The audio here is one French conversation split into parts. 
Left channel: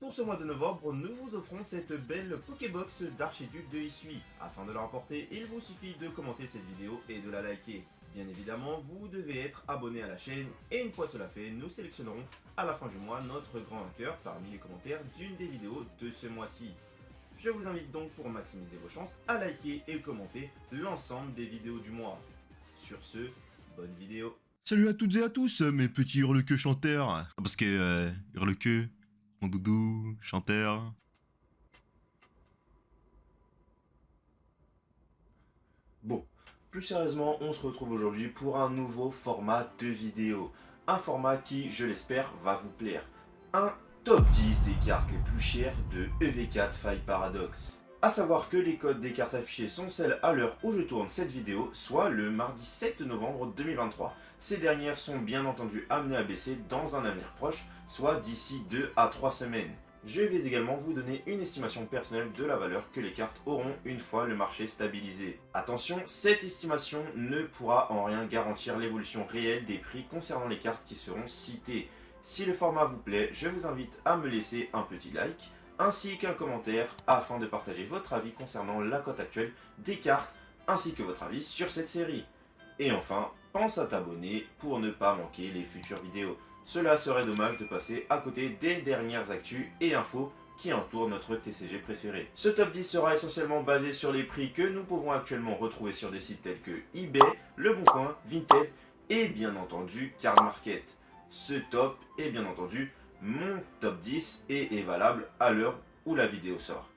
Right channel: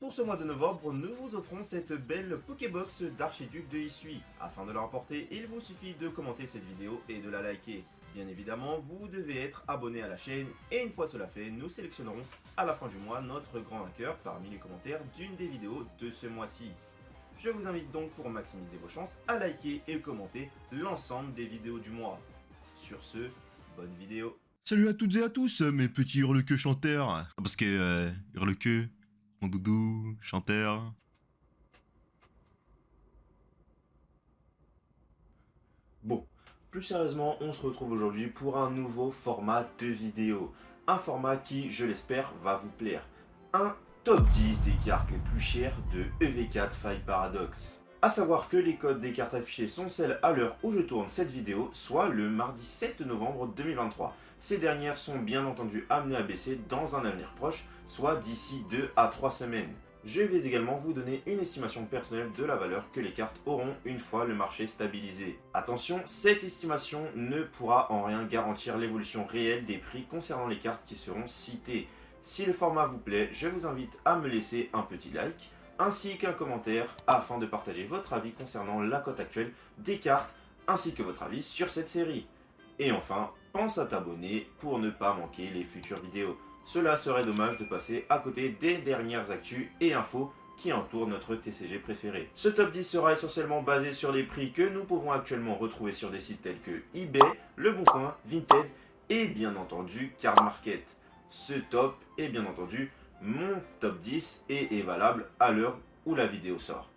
Pour ce mois de novembre, nous vous offrons cette belle Pokébox d'Archiduc de Hisui. Afin de la remporter, il vous suffit de commenter cette vidéo et de la liker. Bien évidemment, vous devez être abonné à la chaîne et une fois cela fait, nous sélectionnerons à la fin du mois notre grand vainqueur parmi les commentaires d'une des vidéos de ce mois-ci. Je vous invite donc pour maximiser vos chances à liker et commenter l'ensemble des vidéos du mois. Sur ce, bonne vidéo. Salut à toutes et à tous, mes petits hurle-queue chanteurs. Parce que hurle-queue, mon doudou, chanteur. Bon, plus sérieusement, on se retrouve aujourd'hui pour un nouveau format de vidéo. Un format qui, je l'espère, va vous plaire. Un top 10 des cartes les plus chères de EV4 Faille Paradox. A savoir que les codes des cartes affichées sont celles à l'heure où je tourne cette vidéo, soit le mardi 7 novembre 2023. Ces dernières sont bien entendu amenées à baisser dans un avenir proche, soit d'ici 2 à 3 semaines. Je vais également vous donner une estimation personnelle de la valeur que les cartes auront une fois le marché stabilisé. Attention, cette estimation ne pourra en rien garantir l'évolution réelle des prix concernant les cartes qui seront citées. Si le format vous plaît, je vous invite à me laisser un petit like, ainsi qu'un commentaire afin de partager votre avis concernant la cote actuelle des cartes, ainsi que votre avis sur cette série. Et enfin, pense à t'abonner pour ne pas manquer les futures vidéos. Cela serait dommage de passer à côté des dernières actus et infos qui entourent notre TCG préféré. Ce top 10 sera essentiellement basé sur les prix que nous pouvons actuellement retrouver sur des sites tels que eBay, Le Bon Coin, Vinted et bien entendu Card Market. Ce top est bien entendu mon top 10 et est valable à l'heure où la vidéo sort.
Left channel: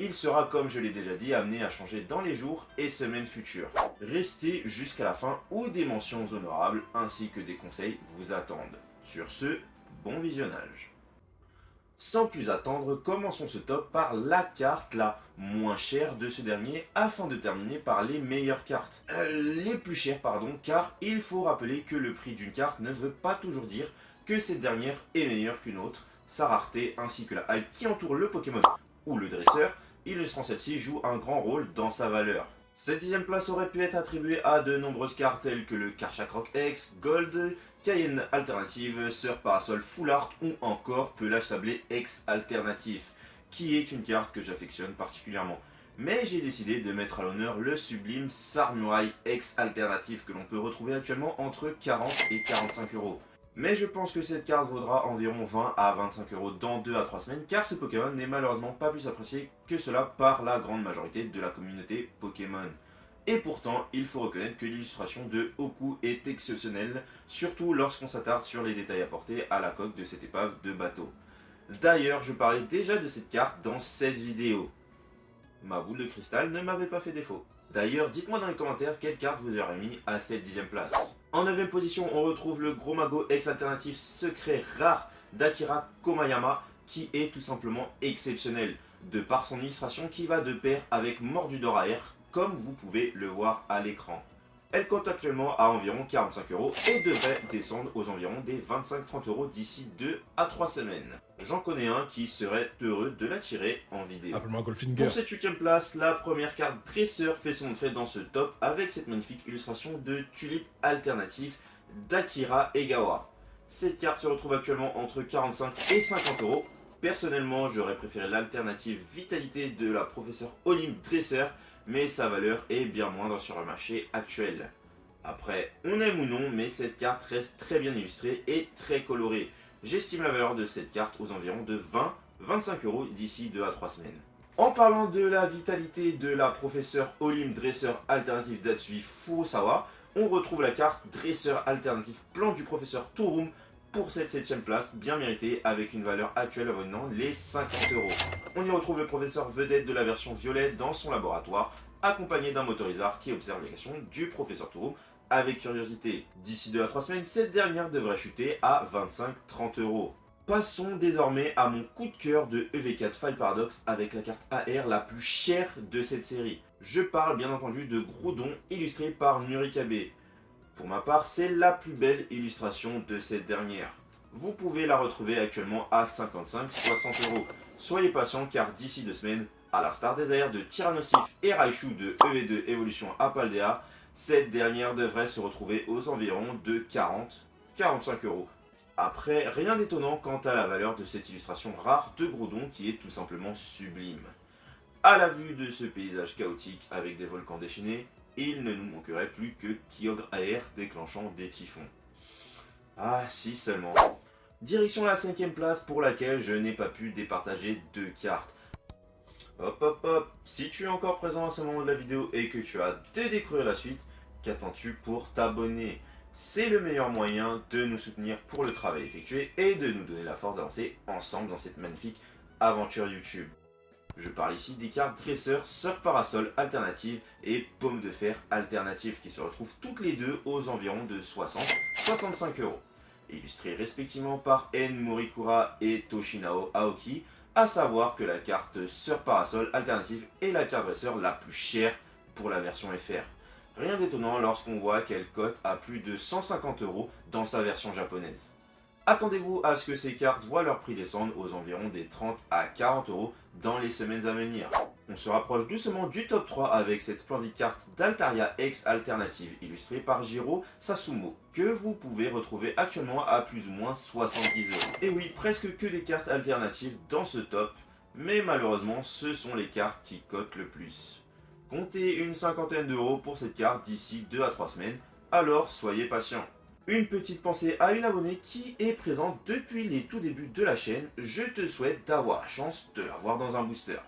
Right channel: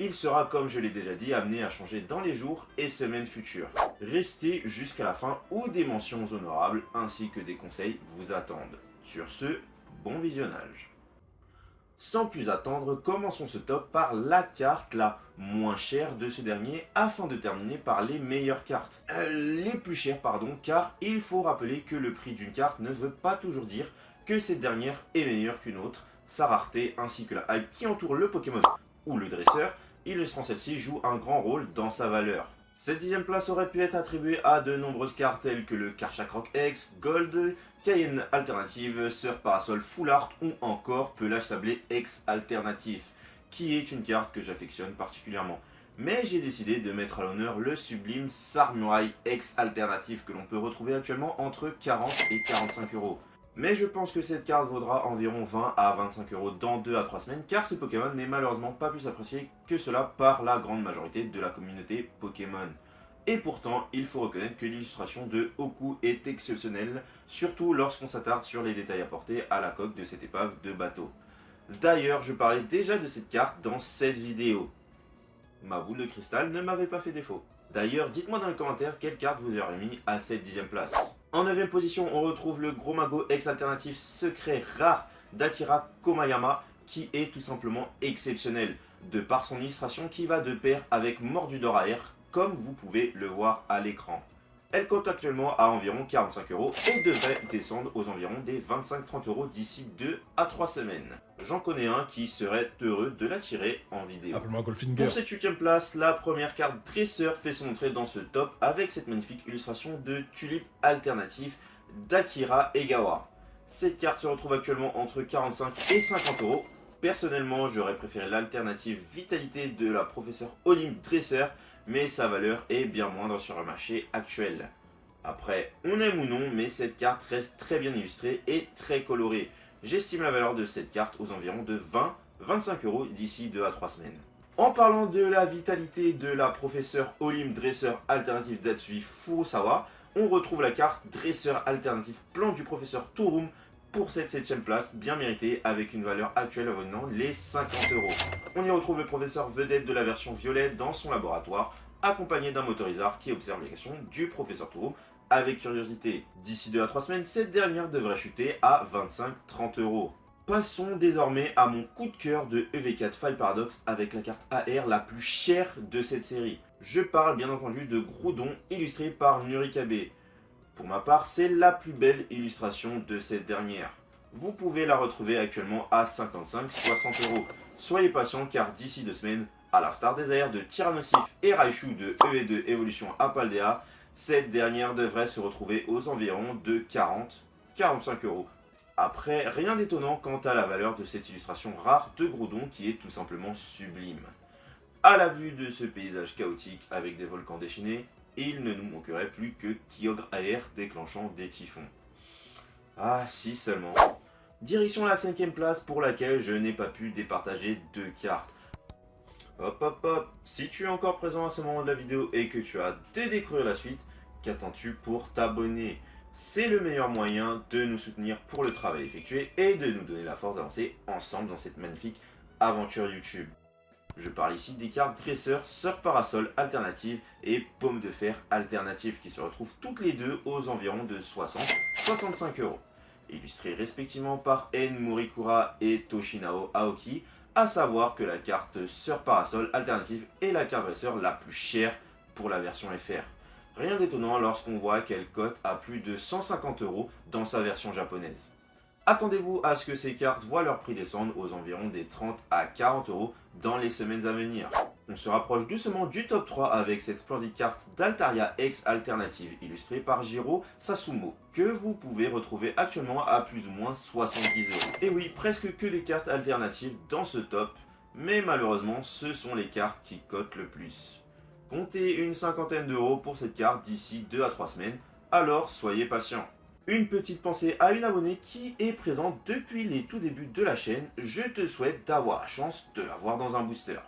Il sera, comme je l'ai déjà dit, amené à changer dans les jours et semaines futures. Restez jusqu'à la fin où des mentions honorables ainsi que des conseils vous attendent. Sur ce, bon visionnage. Sans plus attendre, commençons ce top par la carte la moins chère de ce dernier afin de terminer par les meilleures cartes. Les plus chères pardon, car il faut rappeler que le prix d'une carte ne veut pas toujours dire que cette dernière est meilleure qu'une autre. Sa rareté ainsi que la hype qui entoure le Pokémon ou le dresseur, illustrant celle-ci, joue un grand rôle dans sa valeur. Cette 10e place aurait pu être attribuée à de nombreuses cartes telles que le Karchak Rock X, Gold, Cayenne Alternative, Sir Parasol Full Art ou encore Pelage Sablé X Alternatif, qui est une carte que j'affectionne particulièrement. Mais j'ai décidé de mettre à l'honneur le sublime Samurai X Alternatif que l'on peut retrouver actuellement entre 40 et 45 euros. Mais je pense que cette carte vaudra environ 20 à 25 euros dans 2 à 3 semaines car ce Pokémon n'est malheureusement pas plus apprécié que cela par la grande majorité de la communauté Pokémon. Et pourtant, il faut reconnaître que l'illustration de Oku est exceptionnelle, surtout lorsqu'on s'attarde sur les détails apportés à la coque de cette épave de bateau. D'ailleurs, je parlais déjà de cette carte dans cette vidéo. Ma boule de cristal ne m'avait pas fait défaut. D'ailleurs, dites-moi dans les commentaires quelle carte vous aurez mis à cette 10e place. En 9e position, on retrouve le Gros Mago X Alternatif secret rare d'Akira Komayama qui est tout simplement exceptionnel de par son illustration qui va de pair avec Mordudor AR comme vous pouvez le voir à l'écran. Elle compte actuellement à environ 45 euros et devrait descendre aux environs des 25-30 euros d'ici 2 à 3 semaines. J'en connais un qui serait heureux de la tirer en vidéo. Appelle-moi Goldfinger. Pour cette 8e place, la première carte dresseur fait son entrée dans ce top avec cette magnifique illustration de Tulipe Alternatif d'Akira Egawa. Cette carte se retrouve actuellement entre 45 et 50 euros. Personnellement, j'aurais préféré l'alternative Vitalité de la professeure Olympe Dresseur, mais sa valeur est bien moindre sur le marché actuel. Après, on aime ou non, mais cette carte reste très bien illustrée et très colorée. J'estime la valeur de cette carte aux environs de 20-25 euros d'ici 2 à 3 semaines. En parlant de la vitalité de la professeure Olympe Dresseur Alternative d'Atsui Furusawa, on retrouve la carte Dresseur Alternative Plan du professeur Touroum pour cette 7e place, bien méritée avec une valeur actuelle avoisinant les 50 euros. On y retrouve le professeur vedette de la version violet dans son laboratoire, accompagné d'un motorisard qui observe les actions du professeur Touroum avec curiosité. D'ici 2 à 3 semaines, cette dernière devrait chuter à 25-30 euros. Passons désormais à mon coup de cœur de EV4 Faille Paradox avec la carte AR la plus chère de cette série. Je parle bien entendu de Groudon illustré par Nurikabe. Pour ma part, c'est la plus belle illustration de cette dernière. Vous pouvez la retrouver actuellement à 55-60 euros. Soyez patient car d'ici 2 semaines, à la Star des airs de Tyrannosif et Raichu de EV2 Evolution à Paldea, cette dernière devrait se retrouver aux environs de 40-45 euros. Après, rien d'étonnant quant à la valeur de cette illustration rare de Groudon qui est tout simplement sublime. À la vue de ce paysage chaotique avec des volcans déchaînés, il ne nous manquerait plus que Kyogre AR déclenchant des typhons. Ah si seulement. Direction la 5ème place pour laquelle je n'ai pas pu départager 2 cartes. Hop hop hop, si tu es encore présent à ce moment de la vidéo et que tu as hâte de découvrir la suite, qu'attends-tu pour t'abonner? C'est le meilleur moyen de nous soutenir pour le travail effectué et de nous donner la force d'avancer ensemble dans cette magnifique aventure YouTube. Je parle ici des cartes dresseur, surf parasol alternative et pomme de fer alternative qui se retrouvent toutes les deux aux environs de 60-65 euros. Illustrées respectivement par En Morikura et Toshinao Aoki, à savoir que la carte surf parasol alternative est la carte dresseur la plus chère pour la version FR. Rien d'étonnant lorsqu'on voit qu'elle cote à plus de 150 euros dans sa version japonaise. Attendez-vous à ce que ces cartes voient leur prix descendre aux environs des 30 à 40 euros dans les semaines à venir. On se rapproche doucement du top 3 avec cette splendide carte d'Altaria X Alternative illustrée par Jiro Sasumo que vous pouvez retrouver actuellement à plus ou moins 70 euros. Et oui, presque que des cartes alternatives dans ce top, mais malheureusement ce sont les cartes qui cotent le plus. Comptez une cinquantaine d'euros pour cette carte d'ici 2 à 3 semaines, alors soyez patient. Une petite pensée à une abonnée qui est présente depuis les tout débuts de la chaîne. Je te souhaite d'avoir la chance de la voir dans un booster.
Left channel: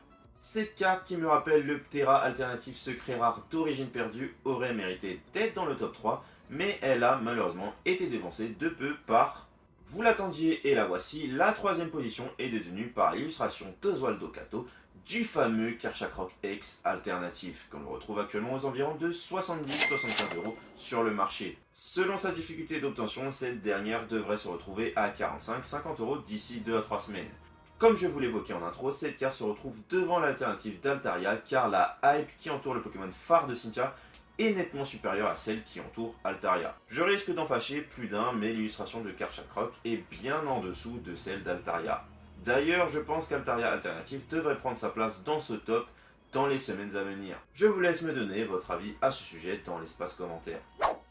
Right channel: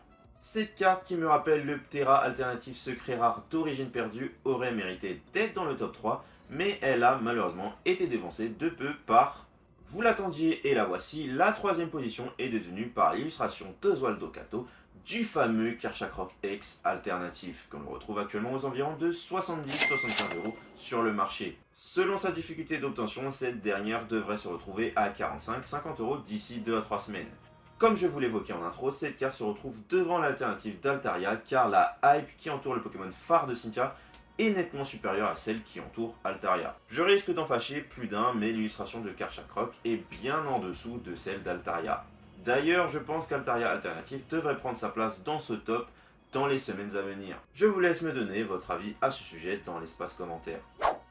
Cette carte qui me rappelle le Ptera alternatif secret rare d'origine perdue aurait mérité d'être dans le top 3, mais elle a malheureusement été dévancée de peu par... Vous l'attendiez et la voici, la 3ème position est détenue par l'illustration d'Oswaldo Kato du fameux Karchakroc X alternatif, qu'on retrouve actuellement aux environs de 70-75 euros sur le marché. Selon sa difficulté d'obtention, cette dernière devrait se retrouver à 45-50 euros d'ici 2 à 3 semaines. Comme je vous l'évoquais en intro, cette carte se retrouve devant l'alternative d'Altaria car la hype qui entoure le Pokémon phare de Cynthia est nettement supérieure à celle qui entoure Altaria. Je risque d'en fâcher plus d'un, mais l'illustration de Karchakroc est bien en dessous de celle d'Altaria. D'ailleurs, je pense qu'Altaria Alternative devrait prendre sa place dans ce top dans les semaines à venir. Je vous laisse me donner votre avis à ce sujet dans l'espace commentaire.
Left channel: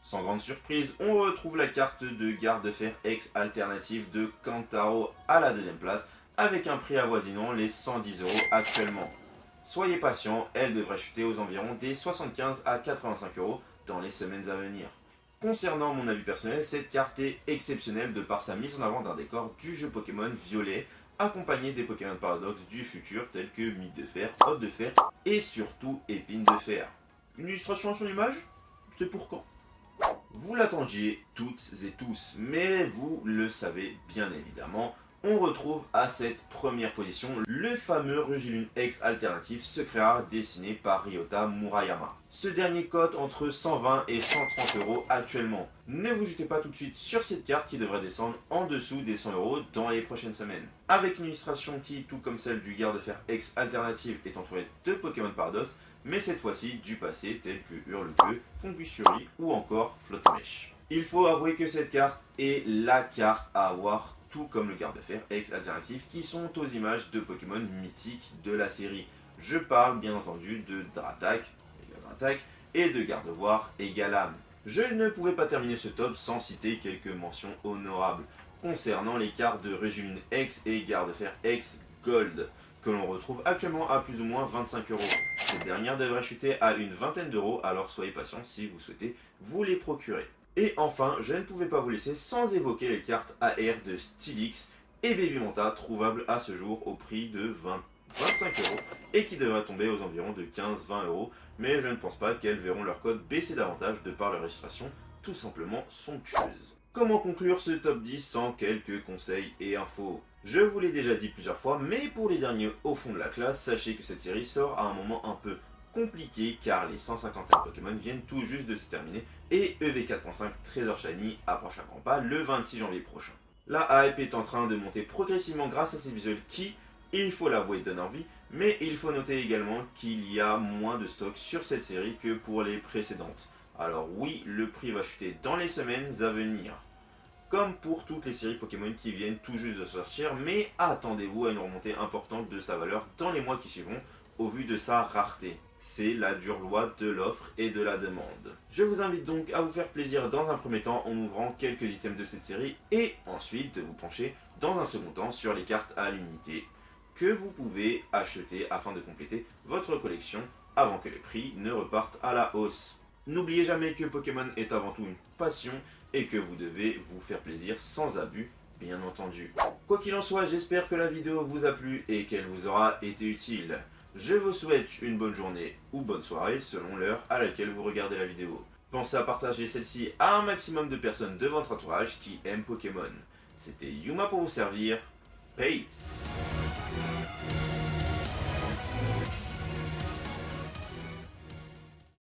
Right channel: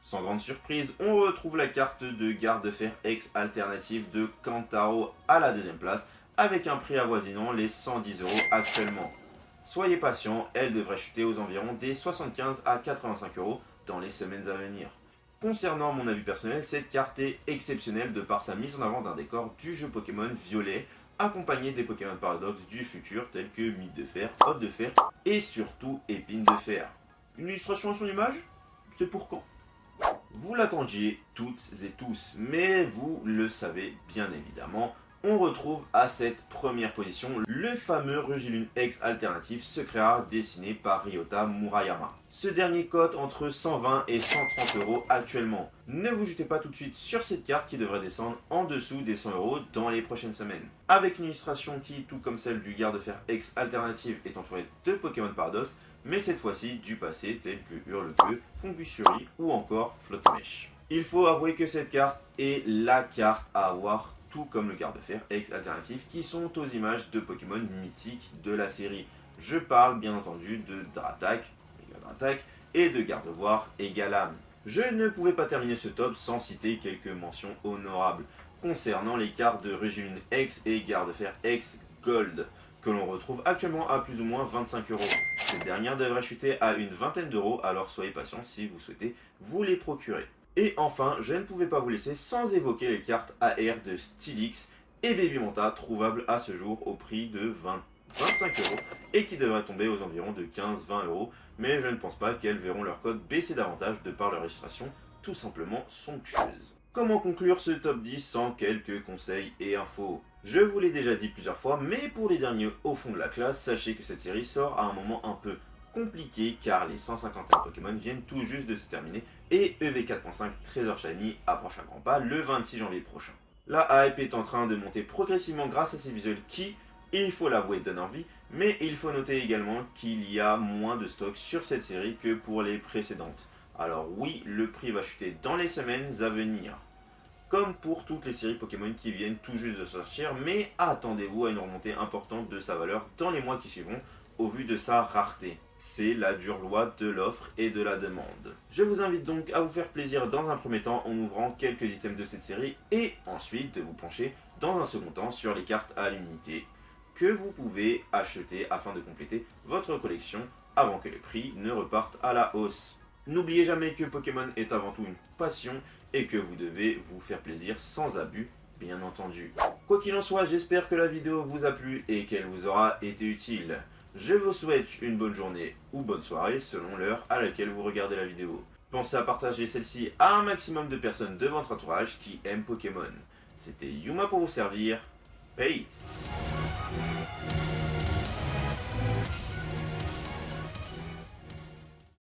Sans grande surprise, on retrouve la carte de garde de fer X Alternative de Kantaro à la 2ème place avec un prix avoisinant les 110 euros actuellement. Soyez patient, elle devrait chuter aux environs des 75 à 85 euros dans les semaines à venir. Concernant mon avis personnel, cette carte est exceptionnelle de par sa mise en avant d'un décor du jeu Pokémon Violet, accompagné des Pokémon Paradox du futur tels que Mythe de Fer, Hotte de Fer et surtout Épine de Fer. Une illustration à son image? C'est pour quand? Vous l'attendiez toutes et tous, mais vous le savez bien évidemment, on retrouve à cette première position le fameux Rugilune X alternatif secret rare dessiné par Ryota Murayama. Ce dernier cote entre 120 et 130 euros actuellement. Ne vous jetez pas tout de suite sur cette carte qui devrait descendre en dessous des 100 euros dans les prochaines semaines. Avec une illustration qui, tout comme celle du garde-fer X alternative, est entourée de Pokémon Paradox, mais cette fois-ci du passé tels que Hurle-Queue, Fongusuri ou encore Flotte-Mèche. Il faut avouer que cette carte est la carte à avoir, tout comme le garde-fer X alternatif qui sont aux images de Pokémon mythiques de la série. Je parle bien entendu de Dratak, et de Gardevoir et Galam. Je ne pouvais pas terminer ce top sans citer quelques mentions honorables concernant les cartes de Régime X et Garde-Fer X Gold que l'on retrouve actuellement à plus ou moins 25 euros. Cette dernière devrait chuter à une vingtaine d'euros, alors soyez patient si vous souhaitez vous les procurer. Et enfin, je ne pouvais pas vous laisser sans évoquer les cartes AR de Steelix et Baby Manta, trouvables à ce jour au prix de 25 euros et qui devraient tomber aux environs de 15-20 euros, mais je ne pense pas qu'elles verront leur code baisser davantage de par leur illustration tout simplement somptueuse. Comment conclure ce top 10 sans quelques conseils et infos? Je vous l'ai déjà dit plusieurs fois, mais pour les derniers au fond de la classe, sachez que cette série sort à un moment un peu compliqué car les 151 Pokémon viennent tout juste de se terminer et EV 4.5 Trésor Shiny approche à grands pas le 26 janvier prochain. La hype est en train de monter progressivement grâce à ces visuels qui, il faut l'avouer, donnent envie, mais il faut noter également qu'il y a moins de stock sur cette série que pour les précédentes. Alors oui, le prix va chuter dans les semaines à venir, comme pour toutes les séries Pokémon qui viennent tout juste de sortir, mais attendez-vous à une remontée importante de sa valeur dans les mois qui suivront au vu de sa rareté. c'est la dure loi de l'offre et de la demande. Je vous invite donc à vous faire plaisir dans un premier temps en ouvrant quelques items de cette série et ensuite de vous pencher dans un second temps sur les cartes à l'unité que vous pouvez acheter afin de compléter votre collection avant que les prix ne repartent à la hausse. N'oubliez jamais que Pokémon est avant tout une passion et que vous devez vous faire plaisir sans abus, bien entendu. Quoi qu'il en soit, j'espère que la vidéo vous a plu et qu'elle vous aura été utile. Je vous souhaite une bonne journée ou bonne soirée selon l'heure à laquelle vous regardez la vidéo. Pensez à partager celle-ci à un maximum de personnes de votre entourage qui aiment Pokémon. C'était Yuma pour vous servir. Peace.